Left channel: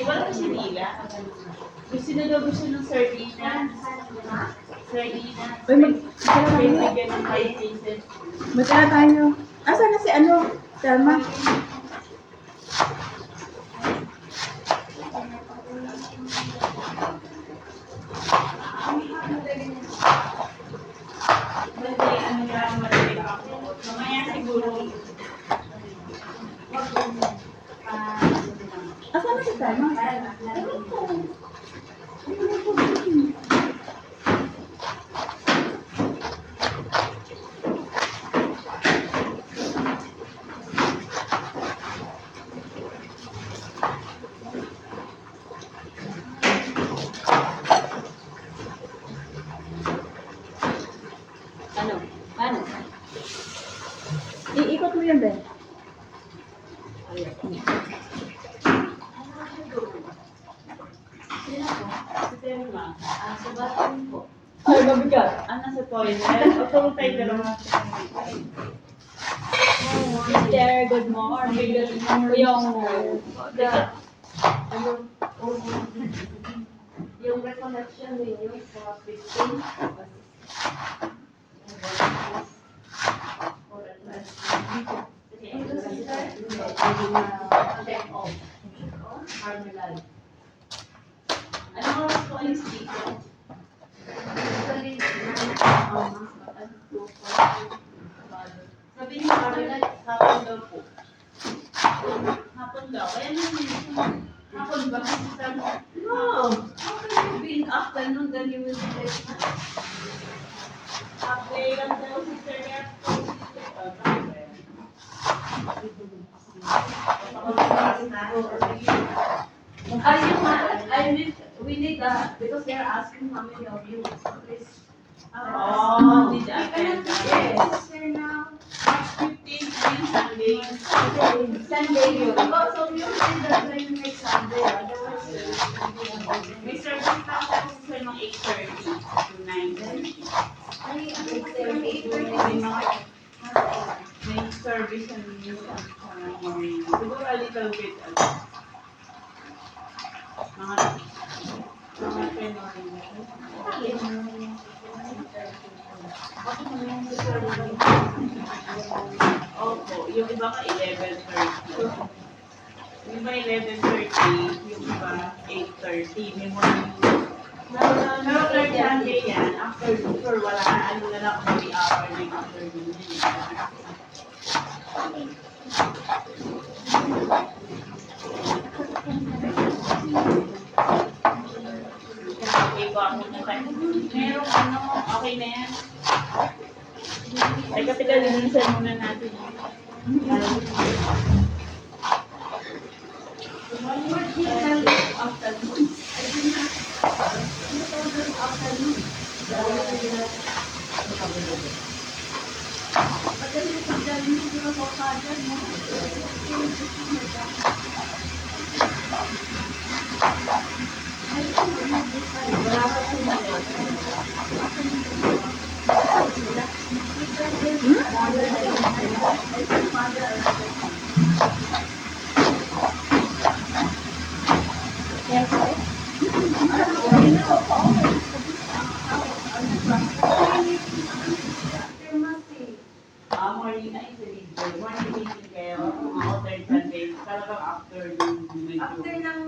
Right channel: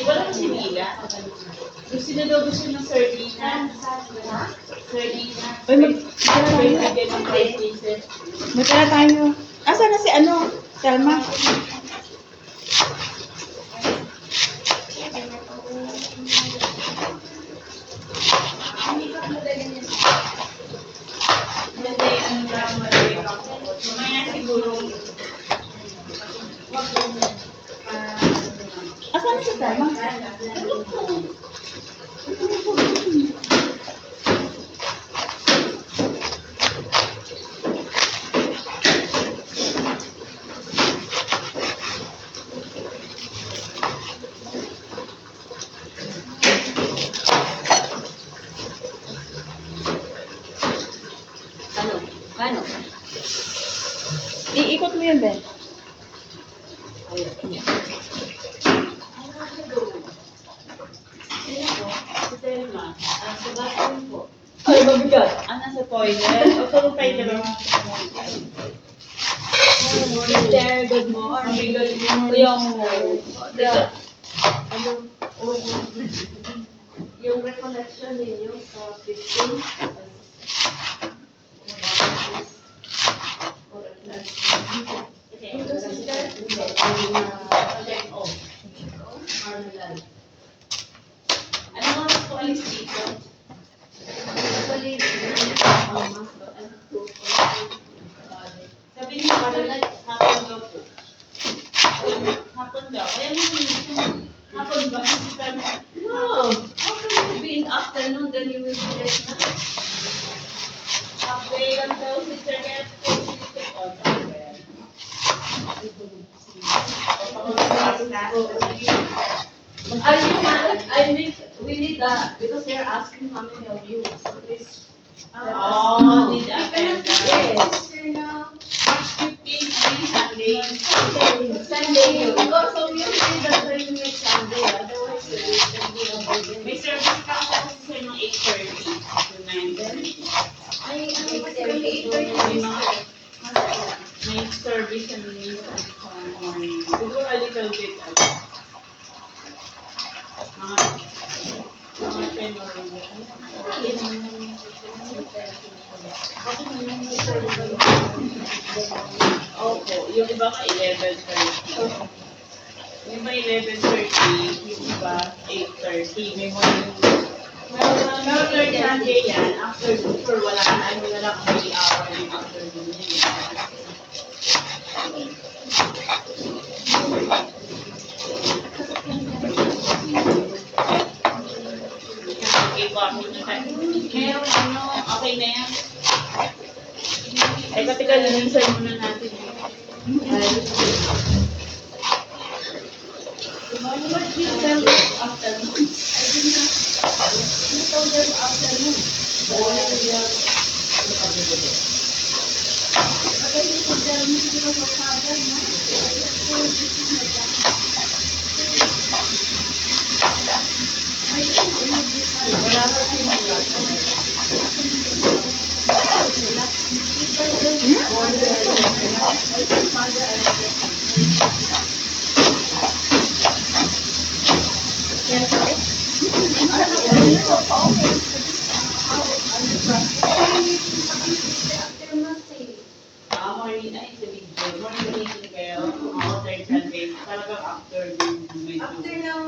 Wala ko si Mila. Gusto na daw gusto ng sardinas. Sardinas. Uy, magkala tayo. Magkala tayo. Asa na si ano? Selma? Mamaya siguro. Asa na si Selma? Ano? Iikot mo yun, Ben. Si Selma. Sa bathroom po. Ay, mabigat. Sa toilet? O kung tayo dalawa. Sister, good morning. Good morning. Yung recollection ninyo sa 15, ito sister, Marmalade. Ano nga po alis dito? Sabi niyo, hapon daw po. Hapon daw. Kaya hapon ba? No, how can you be in afternoon then you will be late na? Halfway lang daw si Sir Red. We need that because they're asking how many of you. So please. Need attend. Yes. March 15, Sunday. Sunday yun. So you say that when you make Sunday, otherwise you can be avoided. May service ka sa sir ng 8:30 to 9. Then, Ay, ano ba sila 8:30? may service and morning. Siguro a little bit. Mga 10 or 11. Opo, yung iba ka 11:30. Yung iba 11:30, yung iba 8:30. May morning. Pero third Sunday yan, after sure wala na lang 3 hour yung afternoon yan. Okay, bago na tayo. Meron Okay na yan. Ay, katika linisan muna natin. What you tell them afternoon? I did not. You told them afternoon. Kasi pag dahil mo sila sa father, no? Wala pa siya. Yan po eh. Morning, ay, sa video. Morning meeting kayo. Alternate Sundays. Talagang after yung medyo. After ng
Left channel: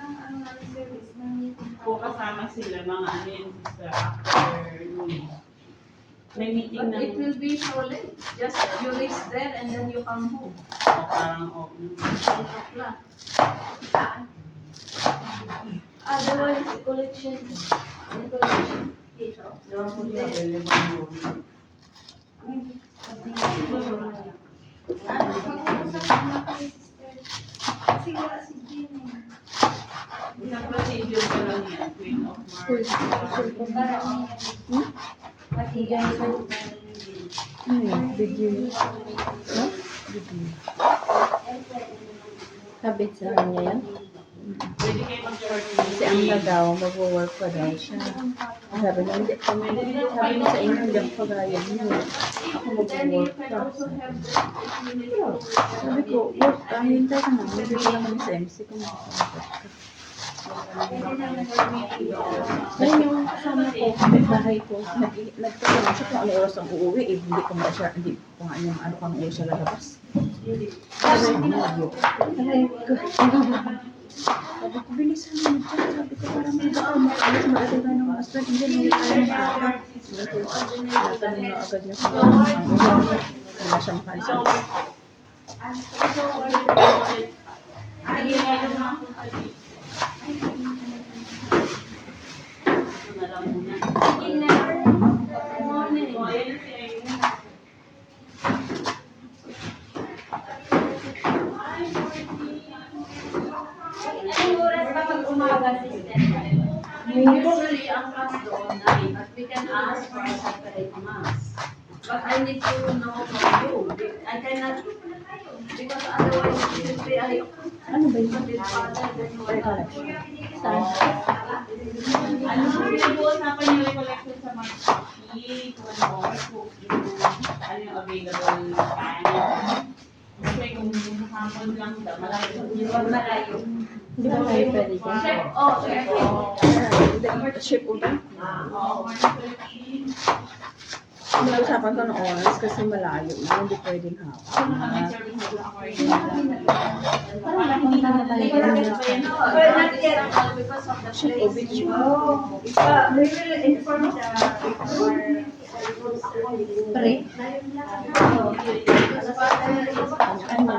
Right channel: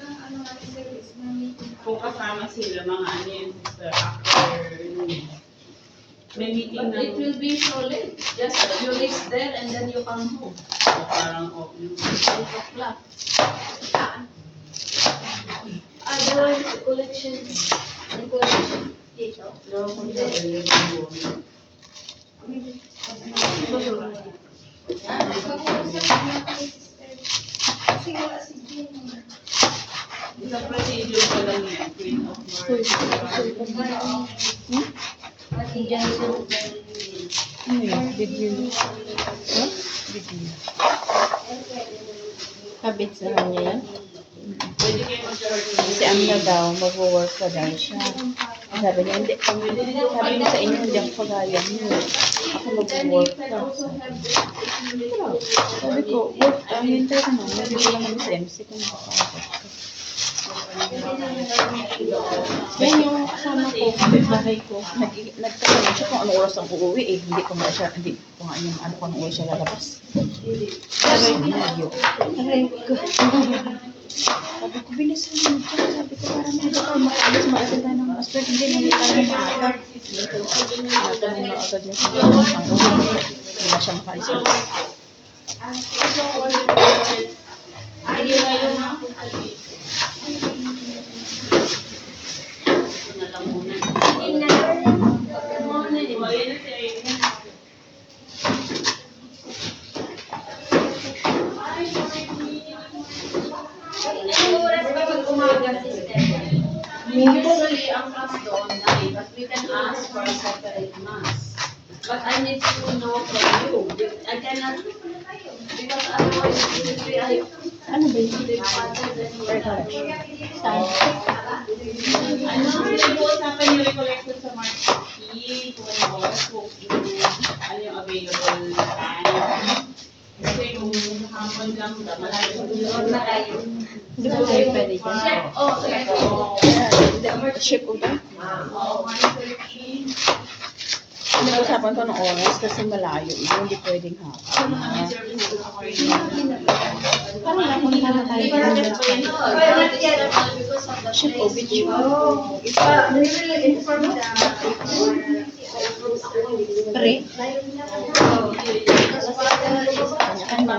ano natin service, ng meeting. Kung kasama sila, mga ano yun, sa after noon. May meeting But na. it will be so late. Just you reach there and then you come home. Parang open. 12 o'clock. Otherwise, collection dito. Isang procedure pa lang yan. Queen of Mars. Ano yun? Video. Huh? Video. Kabit sa kanya yan? Pwede kayo mag-short. Si Amna daw, mag-work pa daw siya. Sabi niya, hindi kami, sabi niya sa inyo, hindi ako kagaya niyo. Ako mag-work pa. Sabi ko, work, hintay ka na. Hindi ko lang kami sa MC kung makakapag ka. Yan yung kasama ko, bahay ko. Nagtatanong siya kung anong oras ang uuwi. Eh, hindi ko nga yung ano kung anong oras siya lalabas. Sabi ko, medyo. Sabi ko, bilisan mo dyan. Sabi ko, para mga tayo makalis, makasin tayo ng aspect. Hindi tayo ng maaga. Natanong na agad niya kung ano ang uwi. Hindi na siya makalis. Hindi na yun ha. Na lang muna. O, ayan na si Irene. Usually, ang class doon, but we can ask for a separate mass. But I need to know from you. I cannot, because otherwise it will be like, Ano ba yun? the father that will Very correct. Saan? Ano ang pinag-uusapan niyo recollection sa March 15? Kung ano oras, kung ano yung available time. Kasi kung hapon lang, malayo na kayo. Hindi ba tayo pwede dyan? Chef, oh, chef. Ship over? Oo, 1:13. Pinag-usapan ko ng oras kasi malayo. Hindi pwedeng hapon. Parang napunta na tayo dyan. Because of the Ship place. over yun. Pre? Kanya-kanya.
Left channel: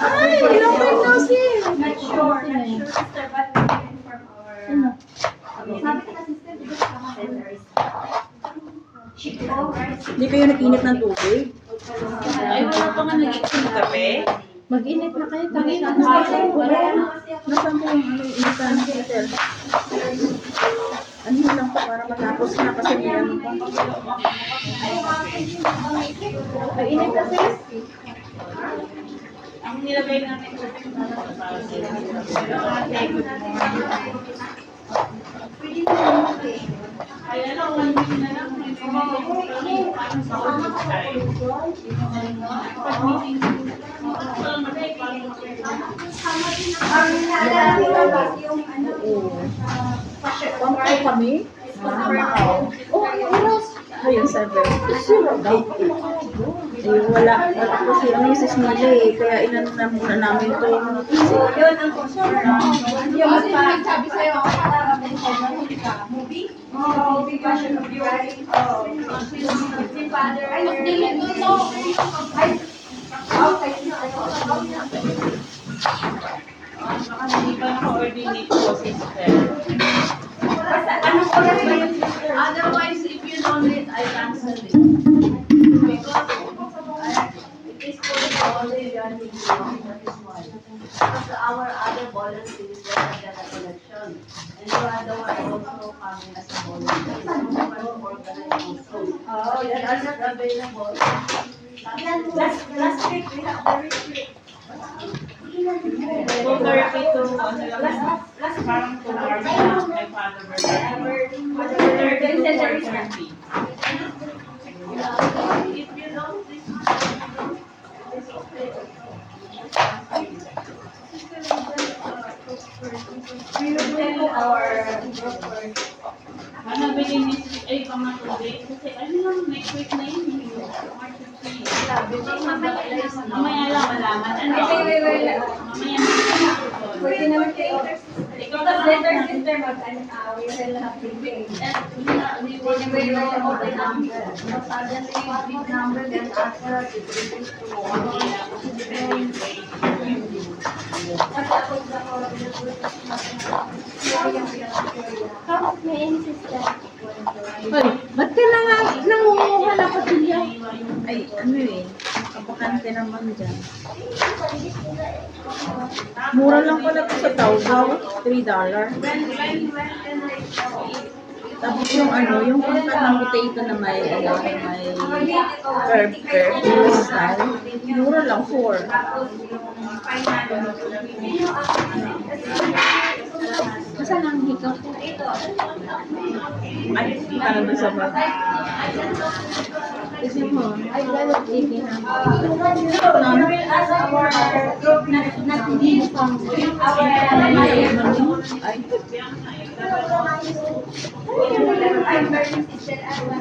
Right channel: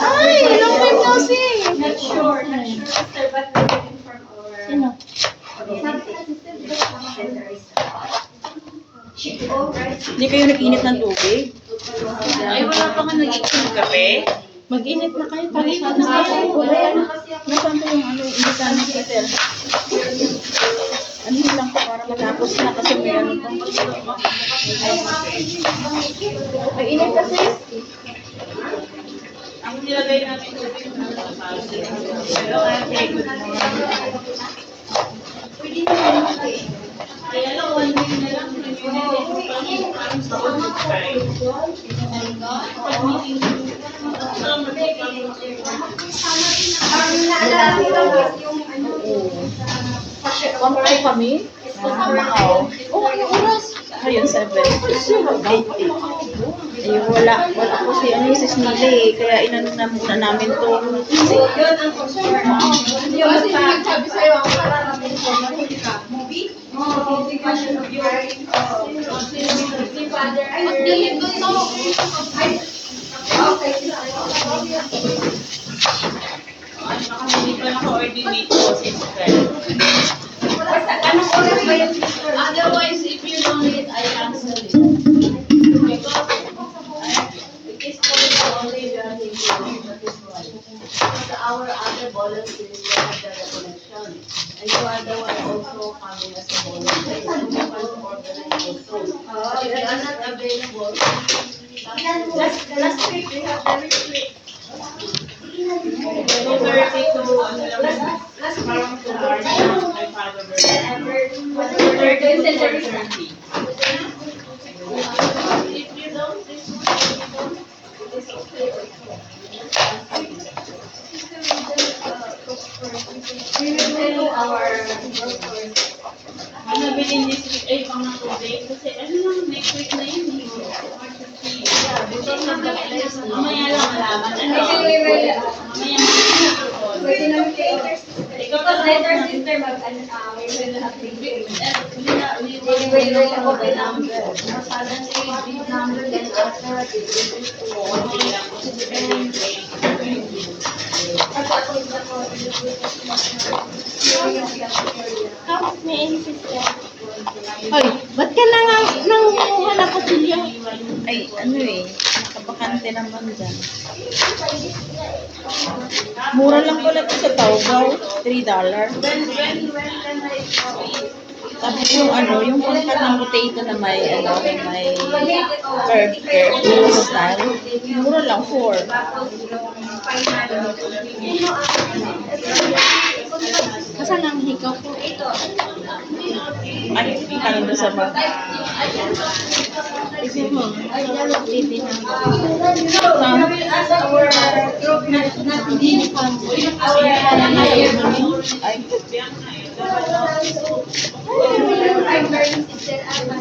Ay! Long time no see! Not sure, sister, but we can inform our... Sino? Sabi ka, sister, di ba kasama sister? Hindi kayo nag-init ng tubig? Ay, wala pa nga nag-iinom ng kape? Mag-init na kayo. Mag-init na kayo. Nasaan po yung ano, initan ng kettle? Ano yun lang po para matapos na kasi may ano pa. May init kasi. Ang nilagay namin sa Hello, ate. Good morning. Kaya lang, 1 week na lang. Parang sa office tayo. Pag-meeting. Oo. One po kami. Oh, ano oras? Ngayon, 7. 8. Eh, wala po si ano, si Snila eh. Kaya inano na muna namin to. Yun ang concern. Yung magsabi sa'yo, ang kararating ko, nahuli ka. Movie? Oo, passion of yours. Si Father. Ay, hindi ito. Ay, okay. Baka hindi pa naka-coordinate ko si Basta, anong oras ba yun? Otherwise, if you don't need, I cancel it. Because it is for the only we are thinking, that is why. Because our other volunteers will have the recollection. And you are the one also coming as a volunteer. So you can organize also. But if you are not available, Last week, we have the retreat. 2:30 to ano lang, parang 2 hours lang, my father birthday. 2:30 to 4:30. If you don't, this one, if you don't, it is okay also. We will tell our workers. May nabili this week, ay pang 2 days, kasi ano lang, next week na yun, March 15. Because mamaya lang malaman. Ano? Mamaya Pwede naman kay because later sister we will have the we will know the number. But suddenly, big number, then after it reduces to 1. Kasi depende yung grade. How may any sister? Hoy, ba't ka nangunguha na patilya? Ay, ano eh, nakabakante naman dyan. Mura lang pala ito sa Taobao, $3. When can I Tapos yung ano, yung pangkat ng potato na may, ano, may curve style, mura lang, 4. Kasan ang hikaw ko? Ay, ka nandun sa bag. Kasi mo, ay, lalot din na. Ay,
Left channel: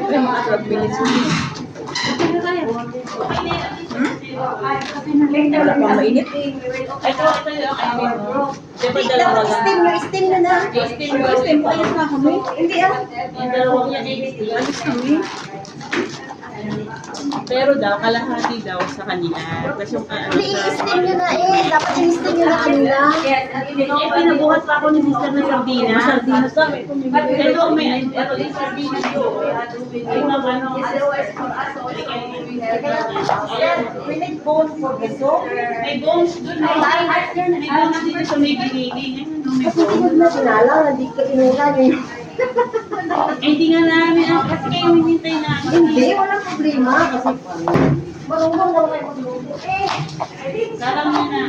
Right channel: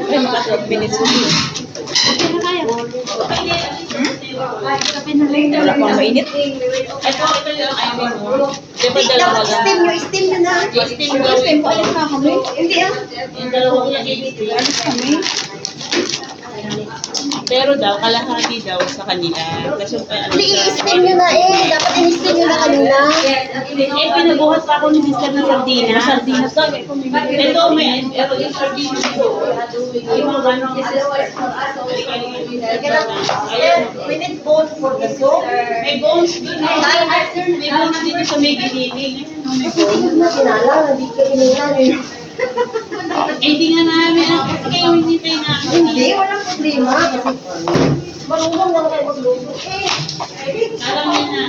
ay, maka 12 minutes na. Kape na kaya? Kape na lang. Wala pang mainit. Ito yung I mean, no? Di ba dalawa lang? Steam nyo na. Steam Steam po, ayan na kami. Hindi Yung dalawang yan, i-steam. Alis kami. Pero daw, kalahati daw sa kanila. Kasi yung ano i-steam nyo na Dapat i-steam nyo na kanina. Eh, pinabuhat pa ako ni sister ng sardinas. Sardinas kami. Ito, may pero yung sardinas ko. Ay, mga ano. Ayan. We need bone for the soup. May bones dun eh. May bones dito sa may giniling. Ayan, no, may bones. na sinala, hindi ka inulan eh. Eh, hindi nga namin. Kasi kayo hinintay namin. Hindi, walang problema. Kasi marunong na rin ako magluto. Alam niya na.